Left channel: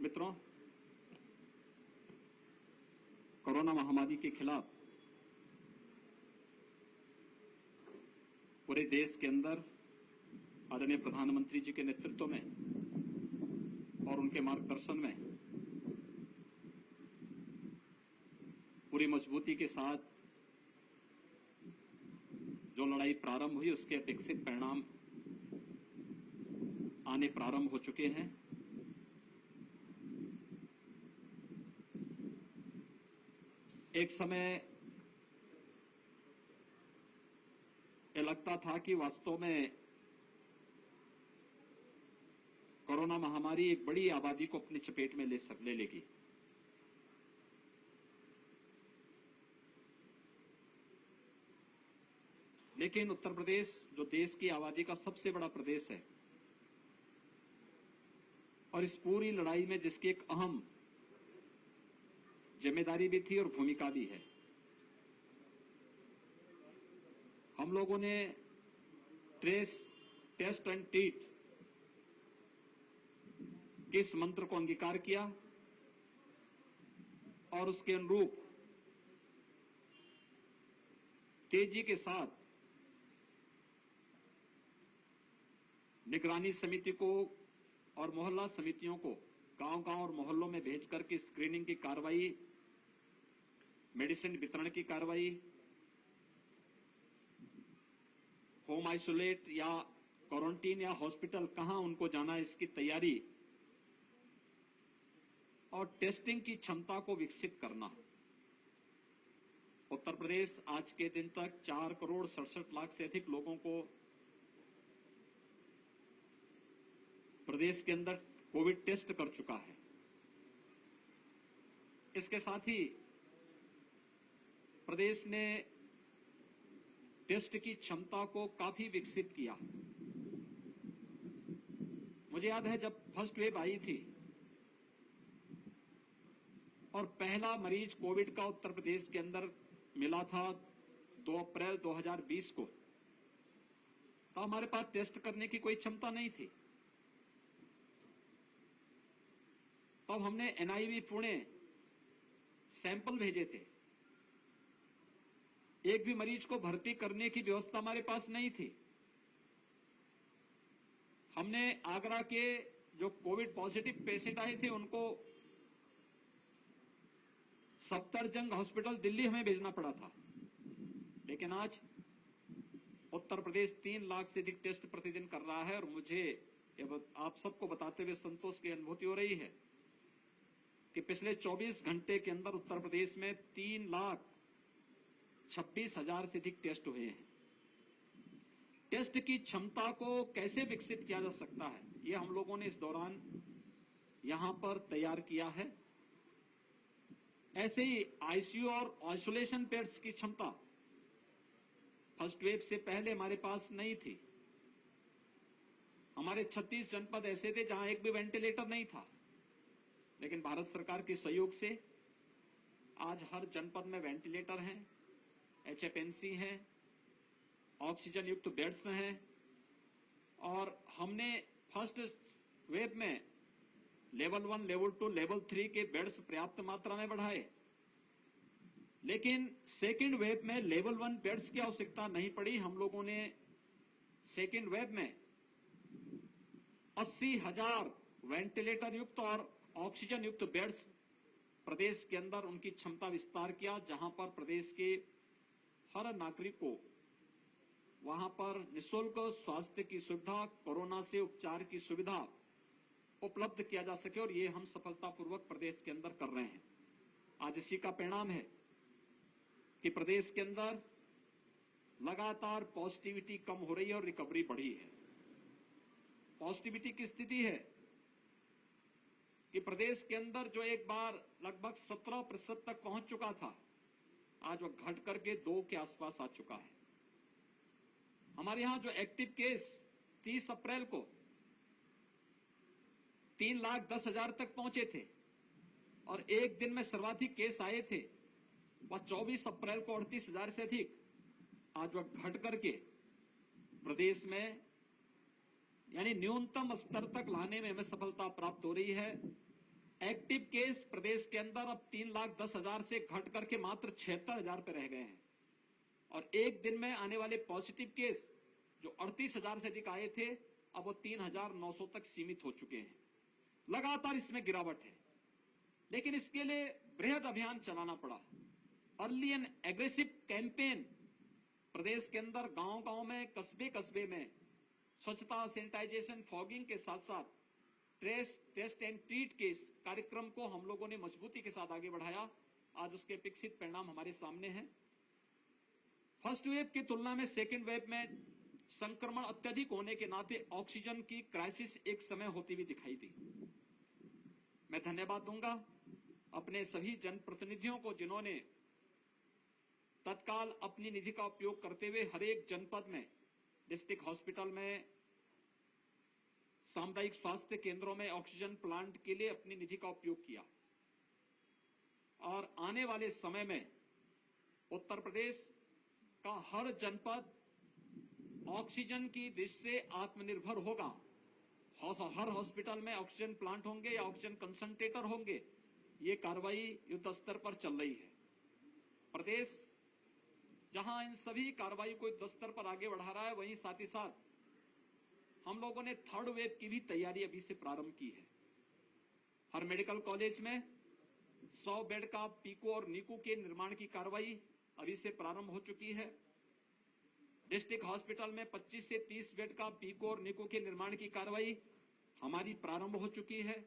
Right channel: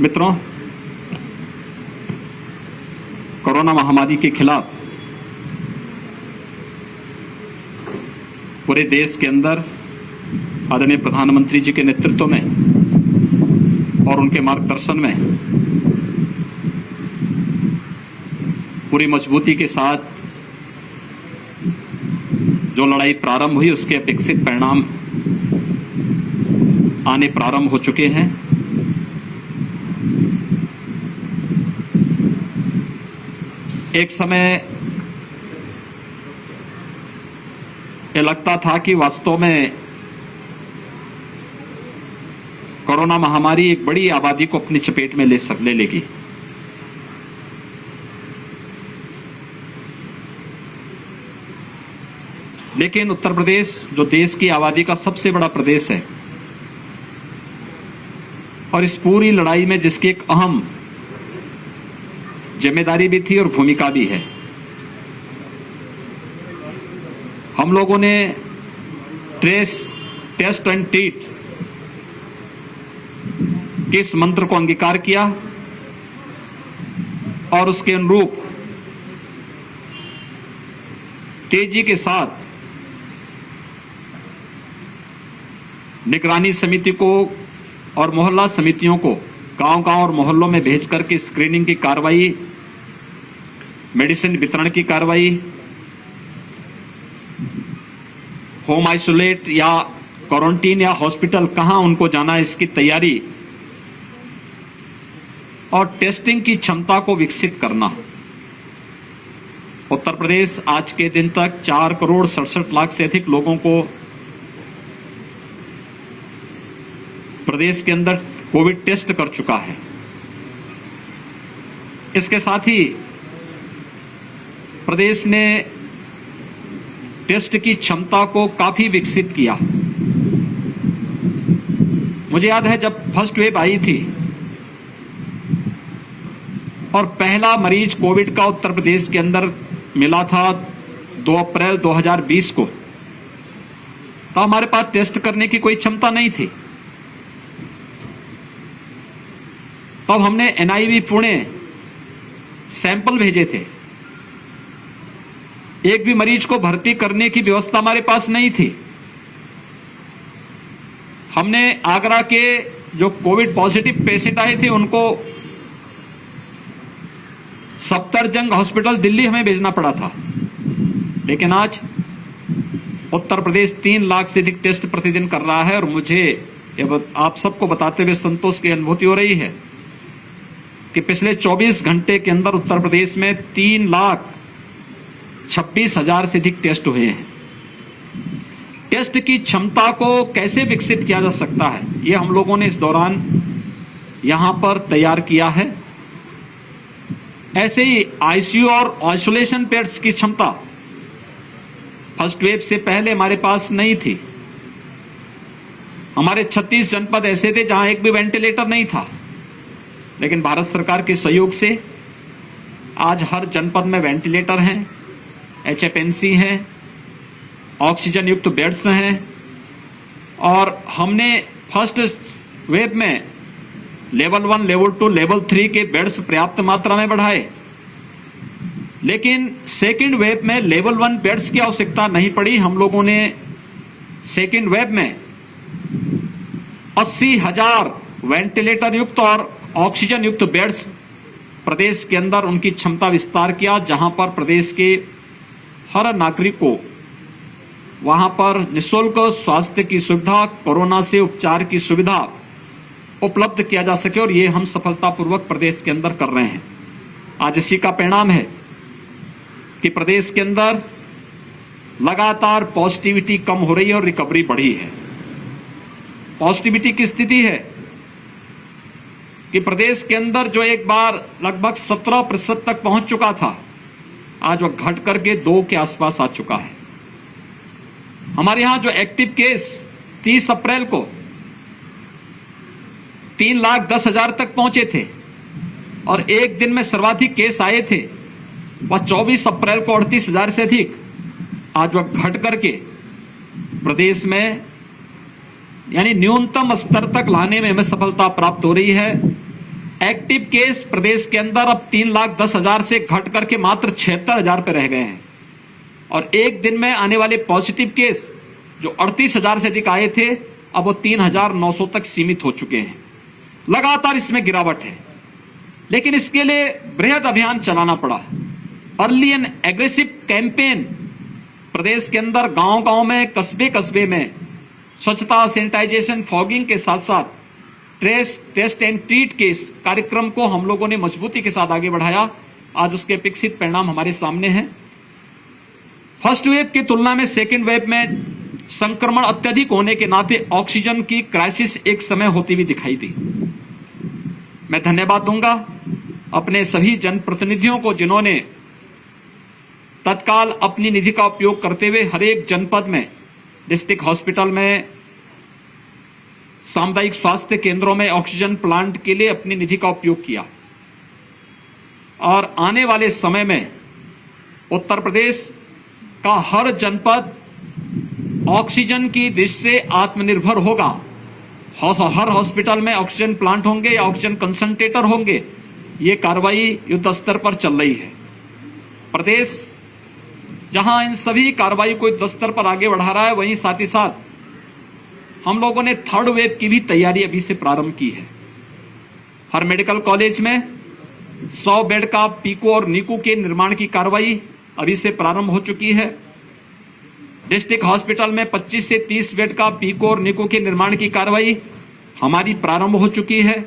मित्रों, कोरोना महामारी के खिलाफ पूरे देश के अंदर आदरणीय प्रधानमंत्री जी के नेतृत्व में और उनके मार्गदर्शन में पूरी मजबूती के साथ जो लड़ाई प्रारंभ हुई उसके अपेक्षित परिणाम आने प्रारंभ हो चुके हैं। एक समय ये लगता था कि वास्तव में कोरोना महामारी एक बड़ी आबादी को अपनी चपेट में ले लेगी। लेकिन उत्तर प्रदेश जो देश की आबादी का सबसे बड़ा प्रदेश है और इस पूरी लड़ाई में जिसकी एक अहम जिम्मेदारी भी थी और भूमिका भी है, हम लोगों ने ट्रेस, टेस्ट एंड ट्रीट के इस मंत्र को अंगीकार किया और उसके अनुरूप तेजी के साथ निगरानी समिति को और मोहल्ला समितियों को गांव-गांव और मोहल्लों में भेज करके स्क्रीनिंग की कार्रवाई, मेडिसिन वितरण की कार्रवाई, होम आइसोलेट या क्वारंटीन या हॉस्पिटल कहां उनको जाना है इसकी तैयारी और टेस्टिंग की क्षमता को विकसित करना। उत्तर प्रदेश आज के दिन तक 4,67,00,000 से अधिक लोगों को प्रदेश के अंदर कोविड टेस्ट कर चुका है। इसके साथ ही प्रदेश ने टेस्ट की क्षमता को काफी विकसित किया। मुझे याद है जब फर्स्ट वेव आई थी और पहला मरीज कोविड का उत्तर प्रदेश के अंदर मिला था 2 अप्रैल 2020 को, तो हमारे पास टेस्ट करने की कोई क्षमता नहीं थी। तब हमने एनआईवी पुणे सैंपल भेजे थे। एक भी मरीज को भर्ती करने की व्यवस्था हमारे पास नहीं थी। हमने आगरा के जो कोविड पॉजिटिव पेशेंट आए थे उनको सफदरजंग हॉस्पिटल दिल्ली हमें भेजना पड़ा था। लेकिन आज उत्तर प्रदेश 3 लाख से अधिक टेस्ट प्रतिदिन कर रहा है और मुझे आप सबको बताते हुए संतोष की अनुभूति हो रही है कि पिछले 24 घंटे के अंदर उत्तर प्रदेश में 3,26,000 से अधिक टेस्ट हुए हैं। टेस्ट की क्षमता को कैसे विकसित किया जा सकता है, ये हम लोगों ने इस दौरान यहां पर तैयार किया है। ऐसे ही आईसीयू और आइसोलेशन बेड्स की क्षमता फर्स्ट वेव से पहले हमारे पास नहीं थी। हमारे 36 जनपद ऐसे थे जहां एक भी वेंटिलेटर नहीं था, लेकिन भारत सरकार के सहयोग से आज हर जनपद में वेंटिलेटर हैं, एचएफएनसी हैं, ऑक्सीजन युक्त बेड्स हैं और हमने फर्स्ट वेव में लेवल 1, लेवल 2, लेवल 3 के बेड्स पर्याप्त मात्रा में बढ़ाए। लेकिन सेकेंड वेव में लेवल 1 बेड्स की आवश्यकता नहीं पड़ी। हम लोगों ने सेकेंड वेव में 80,000 वेंटिलेटर युक्त और ऑक्सीजन युक्त बेड्स प्रदेश के अंदर उनकी क्षमता विस्तार किया, जहां पर प्रदेश के हर नागरिक को वहां पर निःशुल्क स्वास्थ्य की सुविधा, कोरोना से उपचार की सुविधा उपलब्ध किया जा सके और ये हम सफलतापूर्वक प्रदेश के अंदर कर रहे हैं। आज इसी का परिणाम है कि प्रदेश के अंदर लगातार पॉजिटिविटी कम हो रही है और रिकवरी बढ़ी है। पॉजिटिविटी की स्थिति है कि प्रदेश के अंदर जो एक बार लगभग 17% तक पहुंच चुका था, आज वह घट करके 2 के आसपास आ चुका है। हमारे यहां जो एक्टिव केस 30 अप्रैल को 3,10,000 तक पहुंचे थे और एक दिन में सर्वाधिक केस आए थे वह 24 अप्रैल को 38,000 से अधिक, आज वह घट करके प्रदेश में यानी न्यूनतम स्तर तक लाने में हमें सफलता प्राप्त हो रही है। एक्टिव केस प्रदेश के अंदर अब 3,10,000 से घट करके मात्र 76,000 पे रह गए हैं और एक दिन में आने वाले पॉजिटिव केस जो 38,000 से अधिक आए थे अब वो 3,900 तक सीमित हो चुके हैं। लगातार इसमें गिरावट है, लेकिन इसके लिए बृहद अभियान चलाना पड़ा। अर्ली एंड एग्रेसिव कैंपेन प्रदेश के अंदर गांव-गांव में, कस्बे-कस्बे में स्वच्छता, सैनिटाइजेशन, फॉगिंग के साथ साथ टेस्ट एंड ट्रीट के इस कार्यक्रम को हम लोगों ने मजबूती के साथ आगे बढ़ाया। आज उसके अपेक्षित परिणाम हमारे सामने हैं। फर्स्ट वेव की तुलना में सेकेंड वेव में संक्रमण अत्यधिक होने के नाते ऑक्सीजन की क्राइसिस एक समय होती हुई दिखाई दी। मैं धन्यवाद दूंगा अपने सभी जनप्रतिनिधियों को जिन्होंने तत्काल अपनी निधि का उपयोग करते हुए हर एक जनपद में, डिस्ट्रिक्ट हॉस्पिटल में, सामुदायिक स्वास्थ्य केंद्रों में ऑक्सीजन प्लांट के लिए अपनी निधि का उपयोग किया और आने वाले समय में उत्तर प्रदेश का हर जनपद ऑक्सीजन की दृष्टि से आत्मनिर्भर होगा। हर हॉस्पिटल में ऑक्सीजन प्लांट होंगे या ऑक्सीजन कंसंट्रेटर होंगे। ये कार्रवाई युद्ध स्तर पर चल रही है। प्रदेश जहां इन सभी कार्रवाई को युद्ध स्तर पर आगे बढ़ा रहा है, वहीं साथ ही साथ हम लोगों ने थर्ड वेव की भी तैयारी अभी से प्रारंभ की है। हर मेडिकल कॉलेज में 100 बेड का पीको और नीको के निर्माण की कार्रवाई अभी से प्रारंभ हो चुकी है। डिस्ट्रिक्ट हॉस्पिटल में 25 से 30 बेड का पीको और नीको के निर्माण की कार्रवाई हमारी प्रारंभ हो चुकी है।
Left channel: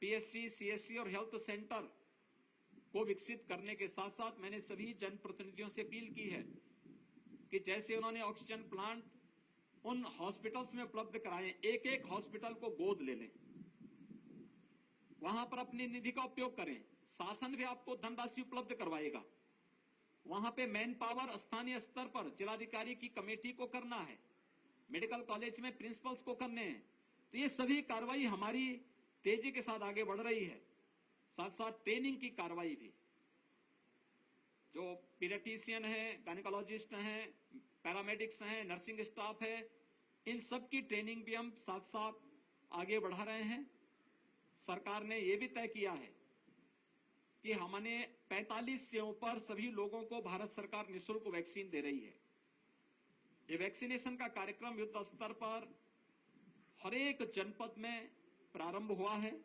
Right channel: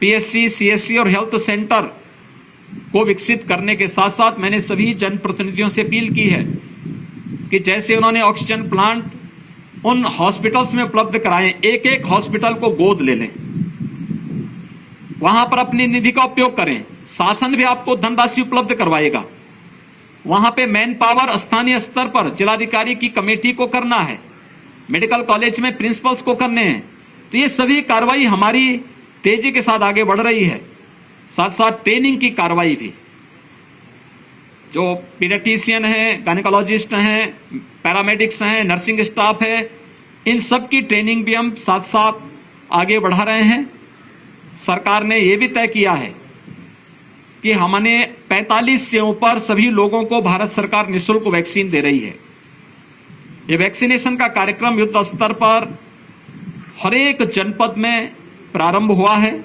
पीएससी, सीएससी और हेल्थ सेंटर को विकसित करने के साथ साथ मैंने सभी जनप्रतिनिधियों से अपील की है कि जैसे उन्होंने ऑक्सीजन प्लांट उन हॉस्पिटल्स में उपलब्ध कराएं, एक एक हॉस्पिटल को गोद ले लें, वहां पर अपनी निधि का उपयोग करें। शासन भी आपको धनराशि उपलब्ध करवाएगा। वहां पे मैन पावर स्थानीय स्तर पर जिलाधिकारी की कमेटी को करना है, मेडिकल कॉलेज में प्रिंसिपल्स को करने हैं। तो ये सभी कार्रवाई हमारी तेजी के साथ आगे बढ़ रही है। साथ साथ ट्रेनिंग की कार्रवाई भी, जो पीडियाट्रिशियन हैं, गायनेकोलॉजिस्ट हैं, पैरामेडिक्स हैं, नर्सिंग स्टाफ है, इन सब की ट्रेनिंग भी हम साथ साथ आगे बढ़ा रहे हैं। सरकार ने यह भी तय किया है कि हमने 45 से ऊपर सभी लोगों को भारत सरकार निःशुल्क वैक्सीन दे रही है। ये वैक्सीनेशन का कार्यक्रम युद्ध स्तर पर हर एक जनपद में प्रारंभ हुआ है।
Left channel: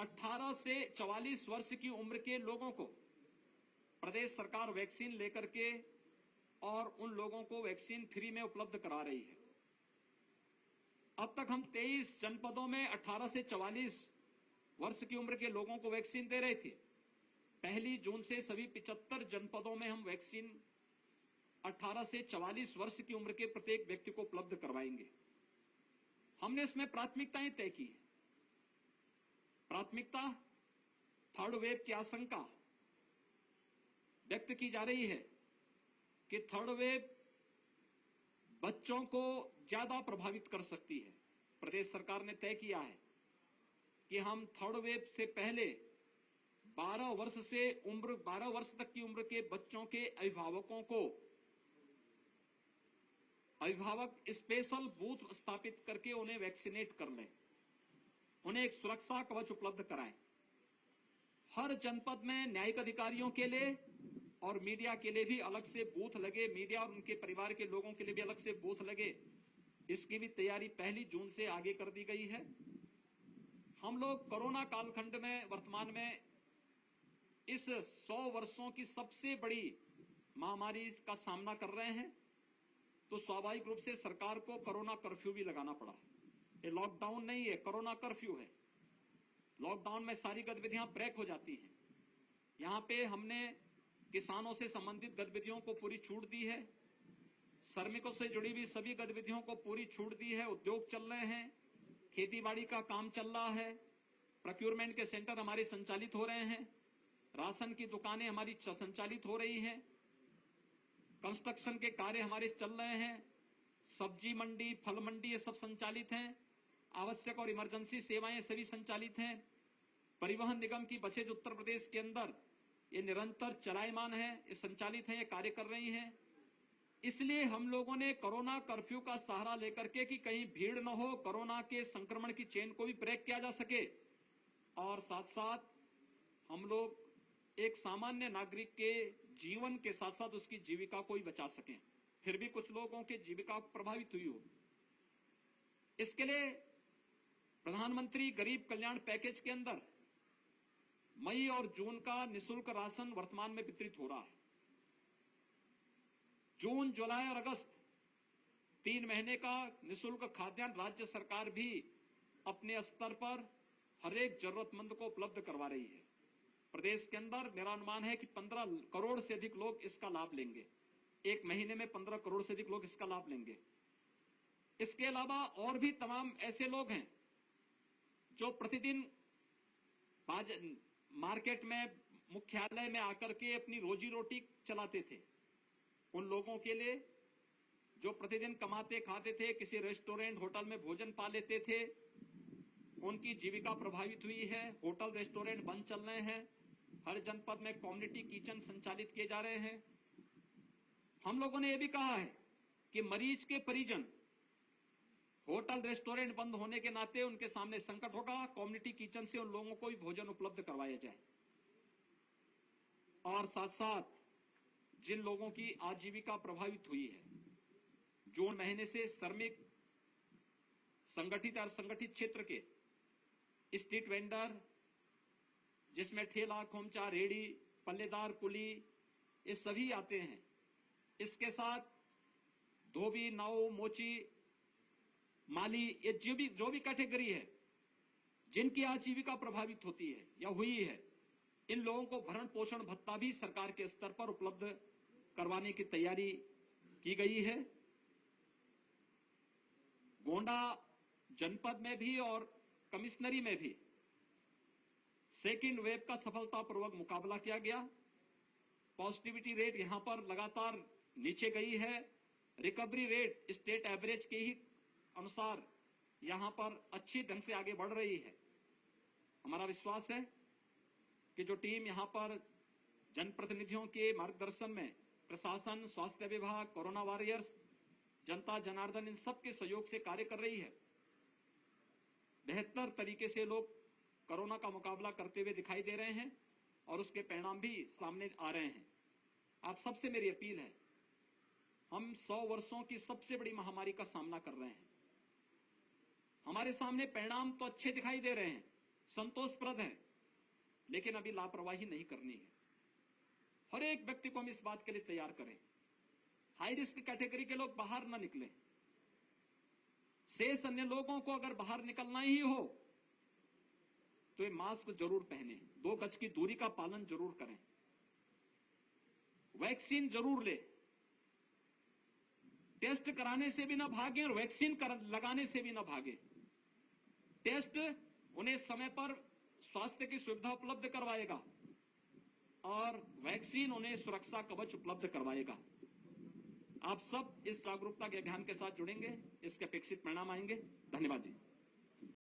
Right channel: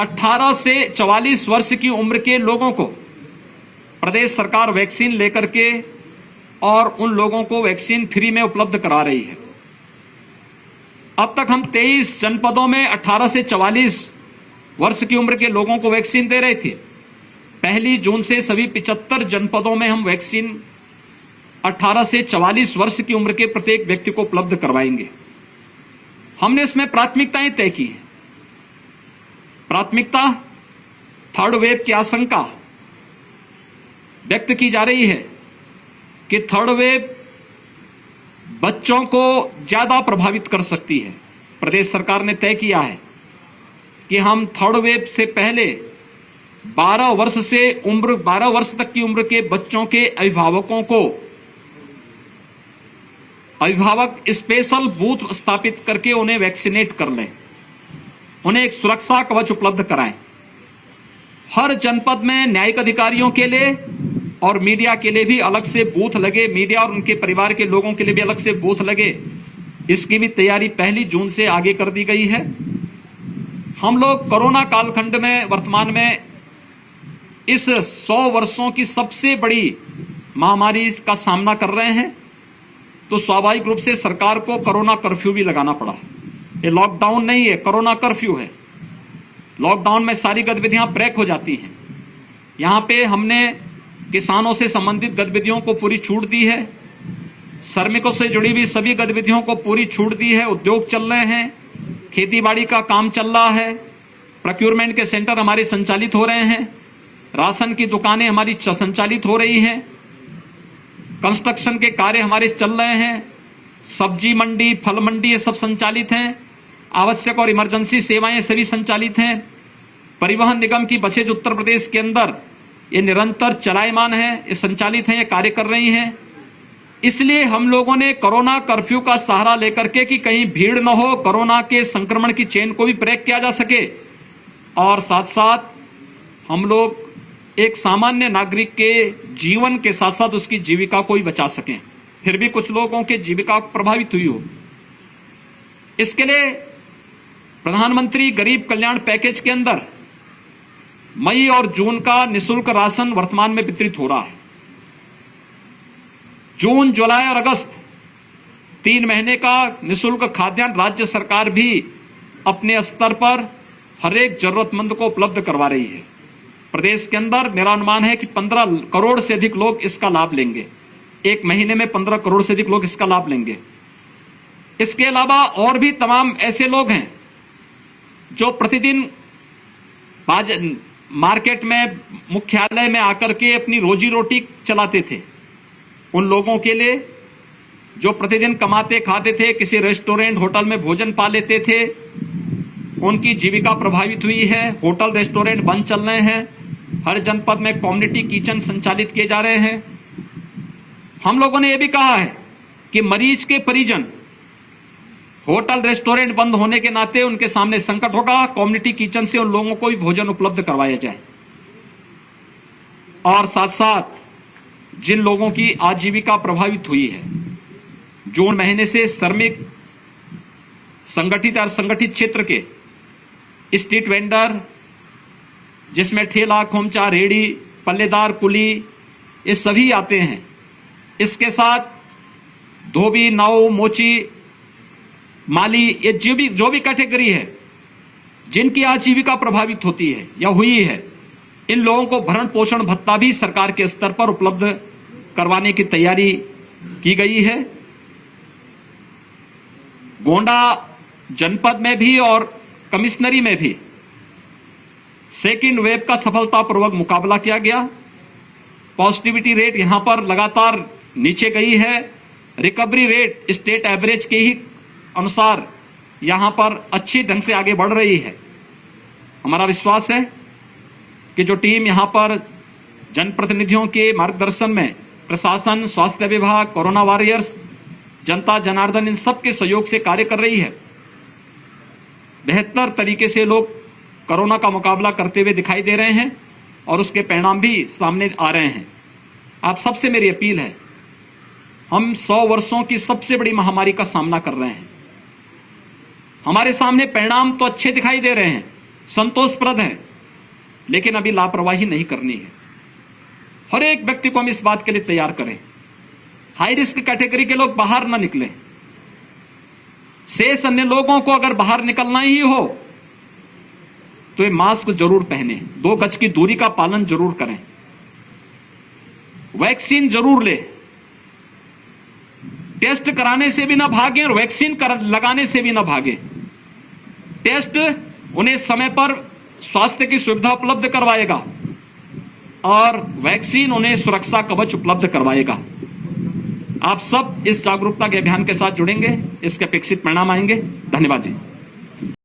18 से 44 वर्ष की उम्र के लोगों को प्रदेश सरकार वैक्सीन लेकर के और उन लोगों को वैक्सीन फ्री में उपलब्ध करा रही है। अब तक हम 23 जनपदों में 18 से 44 वर्ष की उम्र के लोगों को वैक्सीन दे रहे थे। 1 जून से सभी 75 जनपदों में हम वैक्सीन 18 से 44 वर्ष की उम्र के प्रत्येक व्यक्ति को उपलब्ध करवाएंगे। हमने इसमें प्राथमिकताएं तय की हैं। प्राथमिकता थर्ड वेव की आशंका व्यक्त की जा रही है कि थर्ड वेव बच्चों को ज्यादा प्रभावित कर सकती है। प्रदेश सरकार ने तय किया है कि हम थर्ड वेव से पहले 12 वर्ष तक की उम्र के बच्चों के अभिभावक स्पेशल बूथ स्थापित करके उन्हें वैक्सीनेट कर लें, उन्हें एक सुरक्षा कवच उपलब्ध कराएं। हर जनपद में न्यायिक अधिकारियों के लिए और मीडिया के लिए भी अलग से बूथ लगे, मीडिया और उनके परिवार के लोगों के लिए भी अलग से बूथ लगे। इसकी भी तैयारी 1 जून से आगे कर दी गई है। हम लोग कोरोना कालखंड में वर्तमान में इस 100 वर्षों की सबसे बड़ी महामारी का सामना कर रहे हैं, तो स्वाभाविक रूप से सरकार को कोरोना कर्फ्यू भी लगाना पड़ा। ये लॉकडाउन नहीं है, कोरोना कर्फ्यू है। लॉकडाउन में सारी गतिविधियां ब्रेक हो जाती हैं। यहां पे हमने किसानों से संबंधित गतिविधियों को पूरी छूट दी है, श्रमिकों से जुड़ी हुई सभी गतिविधियों को पूरी छूट दी है। उद्योग चल रहे हैं, खेतीबाड़ी का काम चल रहा है, प्रोक्योरमेंट के सेंटर हमारे संचालित हो रहे हैं, राशन की दुकानें हमारी संचालित हो रही हैं, कंस्ट्रक्शन के कार्य हमारे चल रहे हैं, सब्जी मंडी, फल मंडी ये सब संचालित हैं, आवश्यक और इमरजेंसी सेवाएं सभी संचालित हैं। परिवहन निगम की बसें जो उत्तर प्रदेश के अंदर ये निरंतर चलायमान है, ये संचालित हैं, ये कार्य कर रही हैं। इसलिए हम लोगों ने कोरोना कर्फ्यू का सहारा लेकर के कि कहीं भीड़ न हो, कोरोना के संक्रमण की चेन को भी ब्रेक किया जा सके और साथ साथ हम लोग एक सामान्य नागरिक के जीवन के साथ साथ उसकी जीविका को भी बचा सकें। फिर भी कुछ लोगों की जीविका प्रभावित हुई हो, इसके लिए प्रधानमंत्री गरीब कल्याण पैकेज के अंदर मई और जून का निःशुल्क राशन वर्तमान में वितरित हो रहा है। जून, जुलाई और अगस्त 3 महीने का निःशुल्क खाद्यान्न राज्य सरकार भी अपने स्तर पर हर एक जरूरतमंद को उपलब्ध करवा रही है। प्रदेश के अंदर मेरा अनुमान है कि 15 करोड़ से अधिक लोग इसका लाभ लेंगे। एक महीने में 15 करोड़ से अधिक लोग इसका लाभ लेंगे। इसके अलावा और भी तमाम ऐसे लोग हैं जो प्रतिदिन मार्केट में, मुख्यालय में आकर के अपनी रोजी रोटी चलाते थे। उन लोगों के लिए जो प्रतिदिन कमाते खाते थे, किसी रेस्टोरेंट होटल में भोजन पा लेते थे, उनकी जीविका प्रभावित हुई है। होटल रेस्टोरेंट बंद चल रहे हैं। हर जनपद में कम्युनिटी किचन संचालित किए जा रहे हैं। हम लोगों ने यह भी कहा है कि मरीज के परिजन, होटल रेस्टोरेंट बंद होने के नाते उनके सामने संकट होगा, कम्युनिटी किचन से उन लोगों को भी भोजन उपलब्ध करवाया जाए। और साथ साथ जिन लोगों की आजीविका प्रभावित हुई है, जून महीने से श्रमिक, संगठित और संगठित क्षेत्र के स्ट्रीट वेंडर, जिसमें ठेला, खोमचा, रेड़ी, पल्लेदार, कुली, ये सभी आते हैं। इसके साथ धोबी, नाऊ, मोची, माली, ये जो भी कैटेगरी है जिनकी आजीविका प्रभावित होती है या हुई है, इन लोगों को भरण पोषण भत्ता भी सरकार के स्तर पर उपलब्ध करवाने की तैयारी की गई है। गोंडा जनपद में भी और कमिश्नरी में भी सेकेंड वेव का सफलतापूर्वक मुकाबला किया गया। पॉजिटिविटी रेट यहां पर लगातार नीचे गई है। रिकवरी रेट स्टेट एवरेज के ही अनुसार यहां पर अच्छी ढंग से आगे बढ़ रही है। हमारा विश्वास है कि जो टीम यहां पर जनप्रतिनिधियों के मार्गदर्शन में, प्रशासन, स्वास्थ्य विभाग, कोरोना वॉरियर्स, जनता जनार्दन, इन सबके सहयोग से कार्य कर रही है, बेहतर तरीके से लोग कोरोना का मुकाबला करते हुए दिखाई दे रहे हैं और उसके परिणाम भी सामने आ रहे हैं। आप सबसे मेरी अपील है, हम 100 वर्षों की सबसे बड़ी महामारी का सामना कर रहे हैं। हमारे सामने परिणाम तो अच्छे दिखाई दे रहे हैं, संतोषप्रद हैं, लेकिन अभी लापरवाही नहीं करनी है। हर एक व्यक्ति को हम इस बात के लिए तैयार करें। हाई रिस्क कैटेगरी के लोग बाहर न निकलें। शेष अन्य लोगों को अगर बाहर निकलना ही हो तो ये मास्क जरूर पहने, 2 गज की दूरी का पालन जरूर करें, वैक्सीन जरूर ले, टेस्ट कराने से भी ना भागें और वैक्सीन लगाने से भी ना भागें। टेस्ट उन्हें समय पर स्वास्थ्य की सुविधा उपलब्ध करवाएगा और वैक्सीन उन्हें सुरक्षा कवच उपलब्ध करवाएगा। आप सब इस जागरूकता के अभियान के साथ जुड़ेंगे, इसके अपेक्षित परिणाम आएंगे। धन्यवाद जी।